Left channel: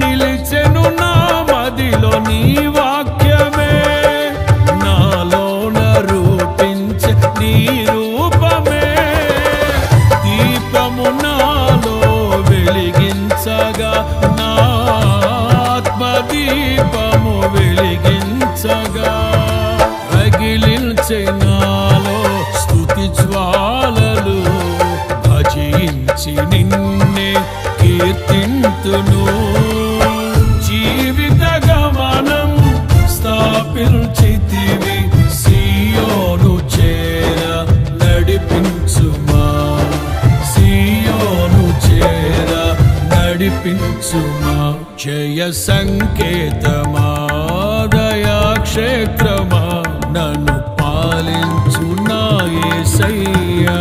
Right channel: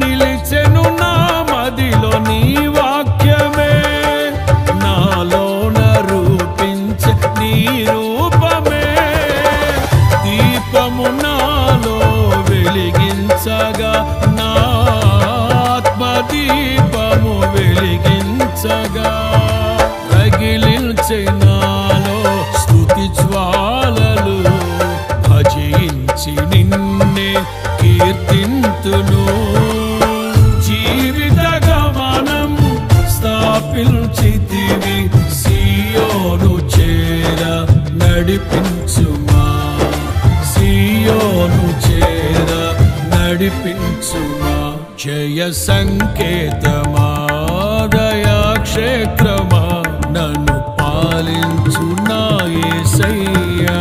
నిలిచెను నా మదిలో నీ వాక్యమే, నాలోన రూపించే నీ రూపమే. దీపము నాలో వెలిగించగా, నా ఆత్మదీపము వెలిగించగా, రగిలించే నాలో స్తుతి జ్వాలలు. భజించి నిన్నే కీర్తింతును, జీవిత గమనం స్థాపించితివి. సియోను చేర నడిపించుమా, సియోను చేర నడిపించుమా. జయ సంకేతమా, దయాక్షేత్రమా, నన్ను పాలించు నా యేసయ్యా.